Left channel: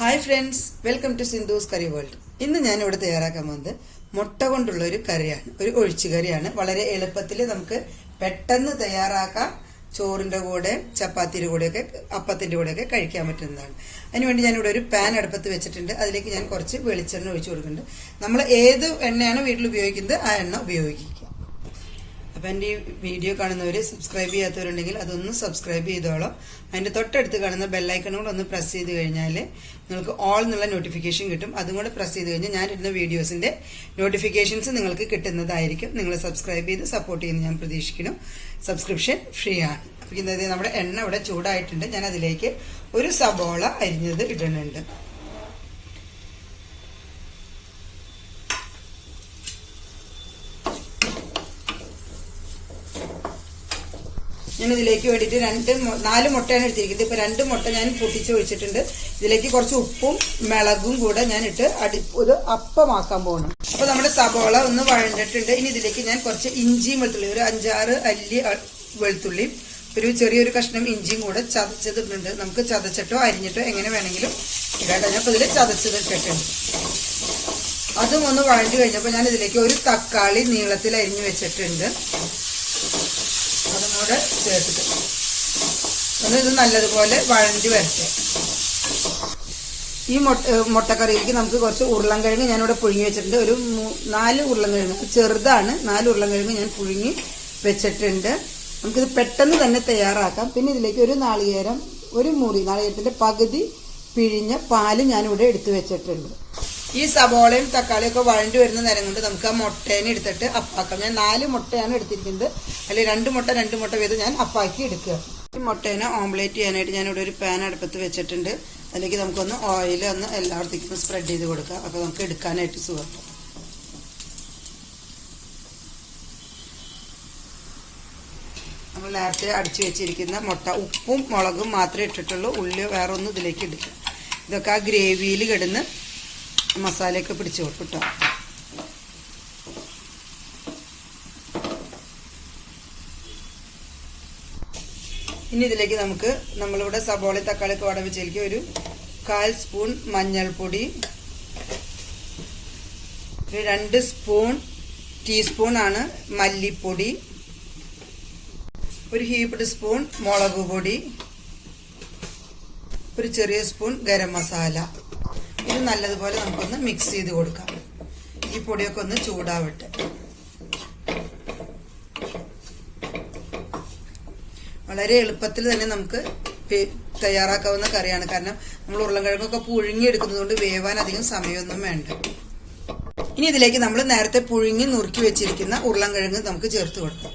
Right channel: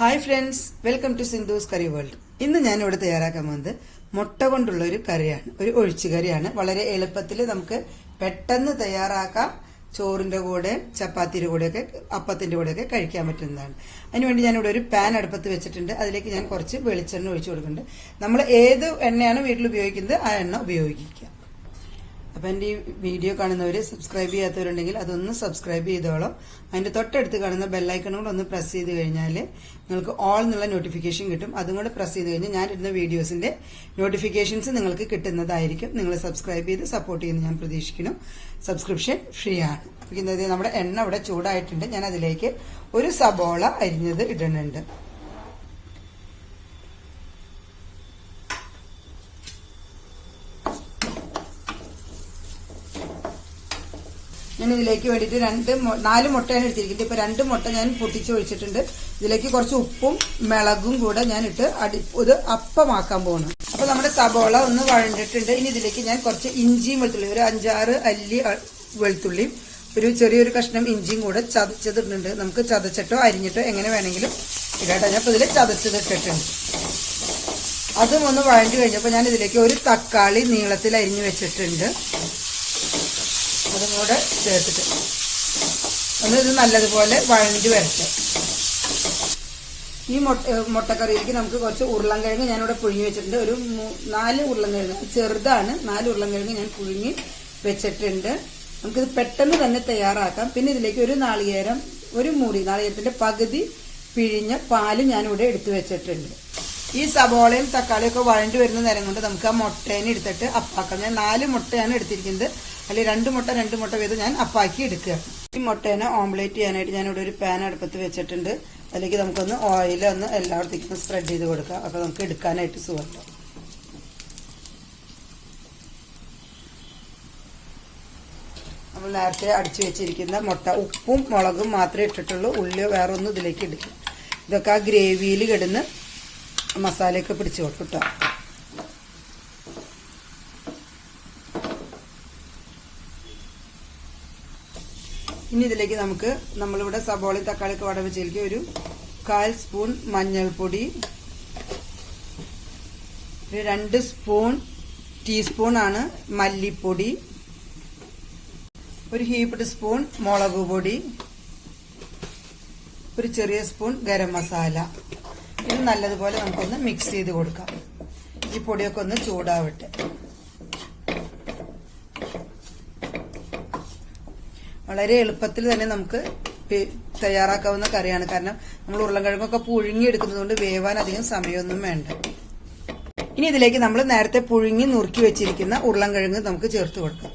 Hi friends, welcome to Sindhu's curry world. ഇന്ന് ഞാൻ ഇവിടെ തയ്യാറാക്കാൻ പോകുന്നത് മുട്ട കൊണ്ടുള്ള ഒരു കറിയാണ്, ഒരു ഒഴിച്ചുകറിയാണ്. വളരെ എളുപ്പത്തിൽ നമുക്ക് പെട്ടെന്ന് തയ്യാറാക്കാം. ചോറിന്റെ കൂടെ, ചപ്പാത്തിയുടെ കൂടെയൊക്കെ, അപ്പത്തിന്റെ കൂടെയൊക്കെ കഴിക്കാൻ പറ്റുന്നതാണ്. അതിനുവേണ്ടി ഞാനിവിടെ ഒരു പാൻ അടുപ്പത്ത് വെച്ചിട്ടുണ്ട്. അതിലേക്ക് ഞാൻ കുറച്ച് വെളിച്ചെണ്ണ ഒഴിച്ചു കൊടുക്കുന്നുണ്ട്. നമ്മൾ ഏത് എണ്ണയാണ് വീട്ടിൽ ഉപയോഗിക്കുന്നത് ആ എണ്ണ ഉപയോഗിക്കുക. അപ്പം എൻ്റെ ഈ വീഡിയോ കാണുന്നവർ സബ്സ്ക്രൈബ് ചെയ്യാത്തവരുണ്ടെങ്കിൽ അതൊന്ന് സബ്സ്ക്രൈബ് ചെയ്തോളാം. അതിൻ്റെ തൊട്ടടുത്ത് കാണുന്ന ബെല്ലൈക്കണുകൾ ഒന്ന് പ്രസ് ചെയ്ത് കഴിഞ്ഞാൽ നിങ്ങൾക്ക് ഓൾ എന്നുള്ള നോട്ടിഫിക്കേഷൻ കിട്ടും. അതും കൂടെ പ്രസ് ചെയ്ത് കഴിഞ്ഞാൽ ഞാനിടുന്ന വീഡിയോസിൻ്റെ നോട്ടിഫിക്കേഷൻസ് നിങ്ങൾക്ക് കിട്ടുന്നതായിരിക്കും. നിങ്ങൾ സബ്സ്ക്രൈബ് ചെയ്ത് സപ്പോർട്ട് ചെയ്യുന്ന ഞാൻ പ്രതീക്ഷിക്കുന്നു. സബ്സ്ക്രിപ്ഷൻ ഫ്രീ ആണ്. അപ്പം ഇന്നത് നമ്മുടെ എണ്ണ ഇവിടെ ചൂടായിട്ടുണ്ട്. ഞാൻ അതിലേക്ക് ഒരു സബോള അരിഞ്ഞത് ഇടുന്നുണ്ട്. ഞാൻ ഇതിലേക്ക് വേണ്ടിയിട്ട് 4 മുട്ടയാണ് എടുത്തിരിക്കുന്നത്. ഇപ്പൊ 2 മുട്ട ഞാൻ പൊട്ടിച്ച് ഒഴിച്ചിട്ടുണ്ട്. ഇതിലേക്ക് കുറച്ച് ഉപ്പും മുളകും കൂടെ ഞാൻ ഇട്ട് ഒരു അപ്പമാക്കാൻ പോകണം. അപ്പൊ നമ്മുടെ സബോള ഒന്ന് വഴണ്ടിട്ടുണ്ട്. ഇനി ഇതിലേക്ക് ഞാൻ കുറച്ച് ഇഞ്ചിയും വെളുത്തുള്ളി, ഒരു 5-6 അല്ലി വെളുത്തുള്ളി, ഒരു ചെറിയൊരു കഷ്ണം ഇഞ്ചിയും കൂടെ ചതച്ചതിട്ടുണ്ട്. നമുക്ക് ചതച്ചിട്ടോ അരിഞ്ഞിട്ടോ എങ്ങനെ വേണമെങ്കിലും ഇടാട്ടോ. അപ്പൊ ഇതിൽ ചതച്ചതിട്ടിട്ടുണ്ട്. അതും ഒന്ന് വഴണ്ടി കഴിഞ്ഞപ്പോൾ ഞാൻ ഇതിലേക്ക് ഒരു തക്കാളി നീളത്തിൽ അരിഞ്ഞു വെച്ചിട്ടുണ്ട്. അതും കൂടെ ചേർത്തിട്ട് ഒന്ന് ഇത് നല്ലതുപോലെ വഴണ്ടി വരട്ടെ. ഈ മുട്ടക്കറിയിലേക്ക് നമുക്ക് കുറച്ച് ഉരുളൻകിഴങ്ങ് ഞാനിവിടെ പുഴുങ്ങി വെച്ചിട്ടുണ്ട്. ഒരു 4 ഉരുളൻകിഴങ്ങ്, ചെറുതാണ്. 4 ഉരുളൻകിഴങ്ങ് ഞാൻ പുഴുങ്ങി വെച്ചിട്ടുണ്ട്. നമുക്കിത് പെട്ടെന്ന് തന്നെ തയ്യാറാക്കാം. പിന്നെ ഇതിലേക്ക് ഒരു നാളികേരം, ഒരു മുറി നാളികേരത്തിന്റെ പകുതി പിഴിഞ്ഞ പാല് ഞാനിവിടെ എടുത്തു വെച്ചിട്ടുണ്ട്. ഈ സബോളയും തക്കാളിയും ഒക്കെ വഴണ്ടി വരുന്ന നേരം കൊണ്ട് നമുക്ക് ആ മുട്ടേനെ എടുത്തിട്ട് അപ്പാക്കാം. ഞാൻ 4 മുട്ടയാണ് എടുത്തിരിക്കുന്നത്. അല്ലെങ്കിൽ 2 മുട്ട വീതം ഞാൻ അപ്പാക്കി എടുക്കുക. ഈ മുട്ടേനെ ഓംലേറ്റ് ചെയ്യാനായിട്ട് ഞാനിവിടെ ഒരു പാൻ അടുപ്പത്ത് വെച്ചിട്ടുണ്ട്. അതിലേക്ക് നമുക്കൊന്ന് ഓയിൽ ഒന്ന് എല്ലായിടത്തേക്കും സ്പ്രെഡ് ചെയ്ത് കൊടുക്കാം. അപ്പൊ നമുക്ക് എടുക്കാനായിട്ട് സുഖം. നമ്മൾ നേരത്തെ അടിച്ചു വെച്ചിരിക്കുന്ന മുട്ട, ഉപ്പും മുളകും മാത്രമേ ഇട്ടിട്ടുള്ളൂ. ഉള്ളി വേറെ ഒന്നും ഇതിലേക്ക് ഇടില്ല. ഇതൊക്കെ ആ ഗ്രേവിയിൽ കിടന്ന് മസാലയൊക്കെ പിടിച്ചു വെക്കട്ടെ. ഇനി ഇതിലേക്ക് നമുക്ക് നമ്മളിവിടെ സബോളി തക്കാളിയൊക്കെ വട വെച്ചിലേക്ക് ഒരു 1/4 സ്പൂൺ മഞ്ഞൾപ്പൊടി, ഒരു 2 ടീസ്പൂണാണ് മല്ലിപ്പൊടി, ഒരു ഹീപ്ഡ് സ്പൂൺ മുളക് പൊടി, ഒരു ചെറിയ സ്പൂൺ ഗരം മസാല. ഇത് നല്ലതുപോലെ നമുക്കൊന്ന് മിക്സ് ചെയ്ത് കൊടുക്കാം. ഈ പൊടിയൊക്കെ ഒന്ന് ചൂടാവട്ടെ. വളരെ എളുപ്പത്തിൽ തന്നെ നമുക്ക് തയ്യാറാക്കാവുന്ന കറിയാണ്. കാരണം നമ്മൾ ഉരുളൻകിഴങ്ങൊക്കെ പുഴുങ്ങിയെടുക്കുന്നത് കൊണ്ട് വേവാൻ അധികം സമയമൊന്നും വേണ്ട. ഇനി ഇതിലേക്ക് നമ്മൾ നേരത്തെ പുഴുങ്ങി നുറുക്കി വെച്ചിരിക്കുന്ന ഉരുളൻകിഴങ്ങ് നമുക്ക് ചേർത്ത് കൊടുക്കാം.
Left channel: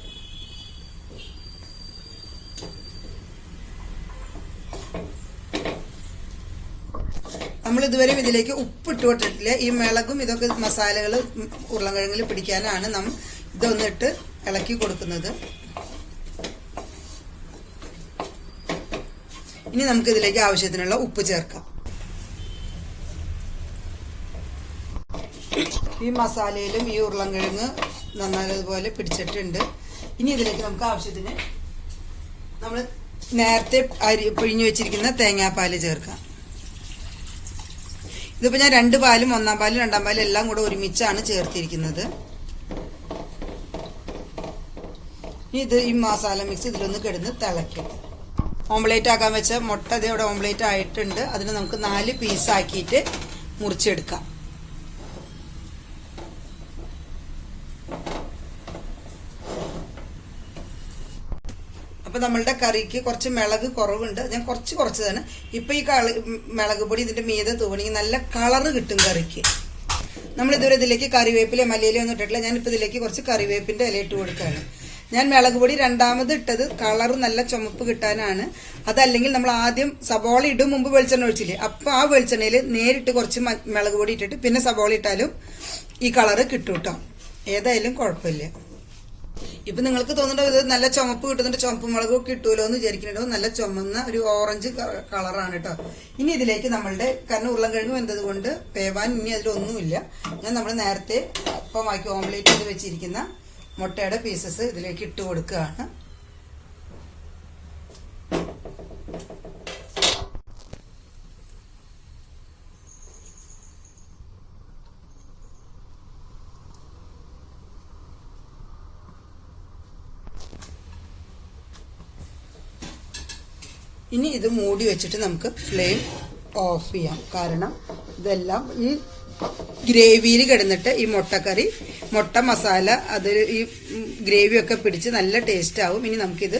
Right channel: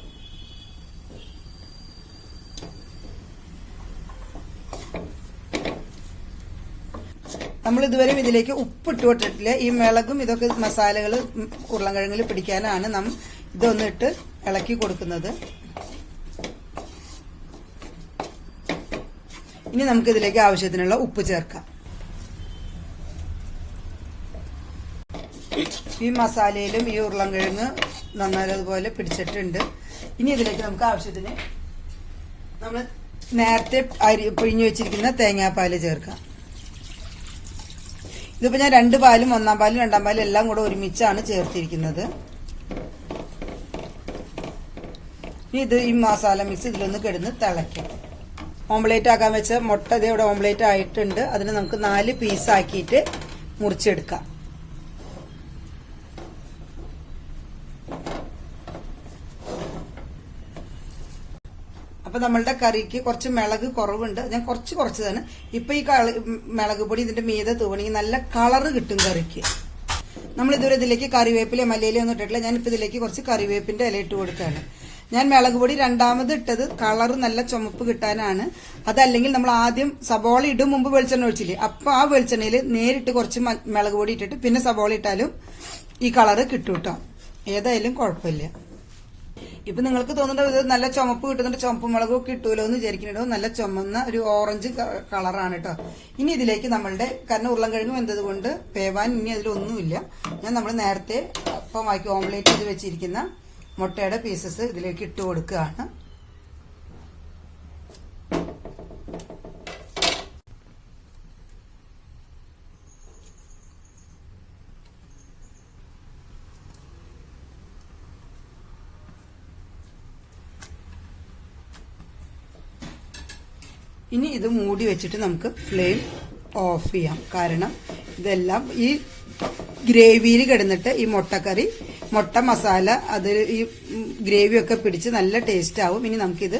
നമ്മൾ ഇതുവരെ ഇതിലേക്ക് ഉപ്പിട്ട് കൊടുത്തിട്ടില്ല. ഈ മുളകും ഇതൊക്കെ മസാലകൾ ഉരുളൻകിഴങ്ങിൽ പിടിക്കാനാണ് നാം ഇതൊന്നിട്ട് ഇളക്കി കൊടുക്കുന്നത്. ഇനി നമുക്ക് ഇതിലേക്ക് ആവശ്യത്തിനുള്ള ഉപ്പ് ചേർക്കാം. ഈ മസാലയിലും ഈ ഉരുളൻകിഴങ്ങ് നന്നായതുപോലെ പിടിച്ചിട്ടുണ്ട്. ഇനി ഇതിലേക്ക് നമുക്ക് ആവശ്യത്തിന് നമ്മൾ നേരത്തെ പിഴിഞ്ഞു വെച്ചിരിക്കുന്ന തേങ്ങാപ്പാല് ചേർക്കാം. ഇതിപ്പോ ഞാൻ 2 പാലും 1-ാം പാലും 2-ാം പാലും എല്ലാം കൂടെ ഒരുമിച്ചാണ് ചേർത്തിരിക്കുന്നത്. ഇത് ഈ മസാല മിക്സ് ഇതിലൊന്ന് കിടന്ന് തിളയ്ക്കും. ഓംലേറ്റ് ആക്കാൻ വെച്ച മുട്ട ഇവിടെ ഓംലേറ്റ് ആയിട്ടുണ്ട്. അതിന് നമുക്ക് 4 പീസാക്കിയിട്ട് മുറിച്ചെടുക്കാം. അപ്പൊ നമ്മളുടെ കറിക്ക് കുറച്ച് മുളക് കുറവുണ്ട്. ഞാൻ കുറച്ചതാണ്. ഇപ്പൊ ഈ മുളക് പൊടി ഇതിന്റെ മീതെ തൂവണമെങ്കിൽ നല്ല കളറ് കിട്ടും കറിക്ക്. നമ്മൾ ഇതുവരെ ഇതിലേക്ക് കറിവേപ്പില മല്ലിയില ഒന്നും ഇട്ടിട്ടില്ല. ഞാനിപ്പോ ഇതിലേക്ക് കുറച്ച് കറിവേപ്പിന്റെ ഇല ഇട്ട് കൊടുക്കുകയാണ്. ഞാൻ മുളക് പൊടി 2ാമത് ഇട്ടത് കളറ് നല്ല ചുമപ്പ് കിട്ടാനാണ്. അതല്ലെങ്കിൽ നമ്മൾ ആദ്യം സബോള ഇടും മുമ്പ് വെളിച്ചെണ്ണ ഒഴിച്ചില്ലേ, അപ്പൊ ആ വെളിച്ചെണ്ണയിൽ നേരിട്ട് കുറച്ച് മുളക് പൊടി ഇട്ടിട്ട് പിന്നെ സബോള ഇട്ടാലും ഈ കളറ് കിട്ടും കേട്ടോ. ഏതായാലും കുഴപ്പമില്ല. ഇപ്പൊ നിങ്ങൾക്ക് തോന്നുന്നുണ്ടോ ഇത് നല്ല ചുമപ്പ് കിട്ടുന്നുണ്ട്, ചുമപ്പ് മുളകൊക്കെ കിട്ടൂലോ എന്ന് വിചാരിക്കുന്നുണ്ടോ? നല്ല ചുമന്ന ഒരു ഓറഞ്ച് കളറാണ് കേട്ടോ. ഇനി ഇതിലേക്ക് നമ്മളുടെ, കാരണം ഉരുളൻകിഴങ്ങ് വെന്തത് കൊണ്ട് വേവാൻ ഇനി അതിലൊന്നുമില്ല. ഞാൻ നമ്മൾ നേരത്തെ ഒപ്പമാക്കി ഓംലേറ്റ് ചെയ്ത് വെച്ചിരിക്കുന്ന മുട്ടയുടെ പീസസ് ഇതിലേക്ക് ഇട്ട് കൊടുക്കുകയാണ്. ഇനി ഇത് മൂടി വെച്ചിട്ട് നമുക്ക് ഫ്ലെയിം ഓഫ് ചെയ്യാം. കാരണം ഇതെല്ലാം ഈ ഗ്രേവിയിൽ കിടന്നിട്ട് ഈ മുട്ടക്കറി, മുട്ട മസാല അത് ഈ ഗ്രേവിയൊക്കെ പിടിച്ച് നല്ല ടേസ്റ്റ് ആവും. ഇനി നമുക്കിത്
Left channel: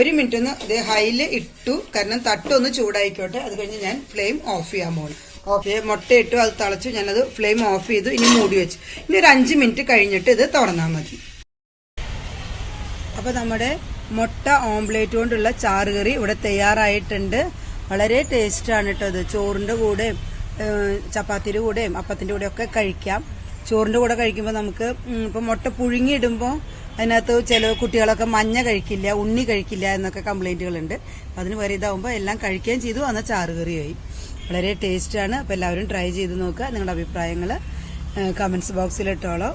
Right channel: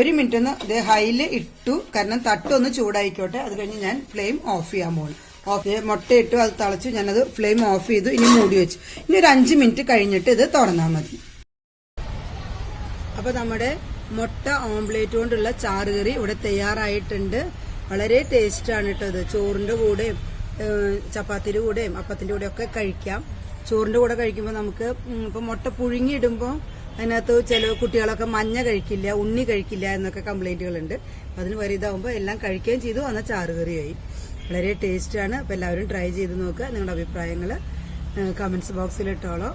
1 മിനിറ്റ് ഒന്ന് ഇത് ഹൈയിൽ ഇട്ടു, കാരണം തട്ടൊന്ന് ചൂടായിക്കോട്ടെ. അത് കഴിഞ്ഞ് ഞാൻ ഫ്ലെയിം ഓഫ് ചെയ്യാൻ പോകും. ഓക്കെ, മുട്ട ഇട്ടു, അത് തിളച്ചു, ഞാനത് ഫ്ലെയിം ഓഫ് ചെയ്തു. ഇനി മൂടി വെച്ചു. ഇനി ഒരു 5 മിനിറ്റ് കഴിഞ്ഞിട്ട് ഇത് തുറന്നാൽ മതി. അപ്പൊ നമ്മുടെ മുട്ട ഓംപ്ലേറ്റ് കൊണ്ടുള്ള ചാറുകറി ഇവിടെ തയ്യാറായിട്ടുണ്ട്. വളരെ ടേസ്റ്റാണ് കേട്ടോ. ഇത് ചോറിന്റെ കൂടെയും ചപ്പാത്തിയുടെ കൂടെയും അപ്പത്തിന്റെ കൂടെ ഒക്കെ കഴിക്കാം. ചോറിന്റെ കൂടെ കഴിക്കുമ്പോൾ നമുക്ക് ഇപ്പൊ മുട്ട പുഴുങ്ങിയിടുമ്പോൾ അതിനകത്ത് ചില കുട്ടികളൊക്കെ മഞ്ഞ കഴിക്കില്ല, ഉണ്ണി കഴിക്കില്ല എന്നൊക്കെ കംപ്ലൈന്റുകളുണ്ട്. അതിന് വരെ ഇതാവുമ്പോൾ എല്ലാം കഴിക്കുകയും ചെയ്തു, എന്നാൽ ചാറുകറിയായി. വളരെ ടേസ്റ്റാണ്. അപ്പോൾ എല്ലാവരും ട്രൈ ചെയ്ത് നോക്കുക. നിങ്ങളുടെ അഭിപ്രായങ്ങൾ കമന്റ്സ് ബോക്സിൽ ഇട്ടോളൂ.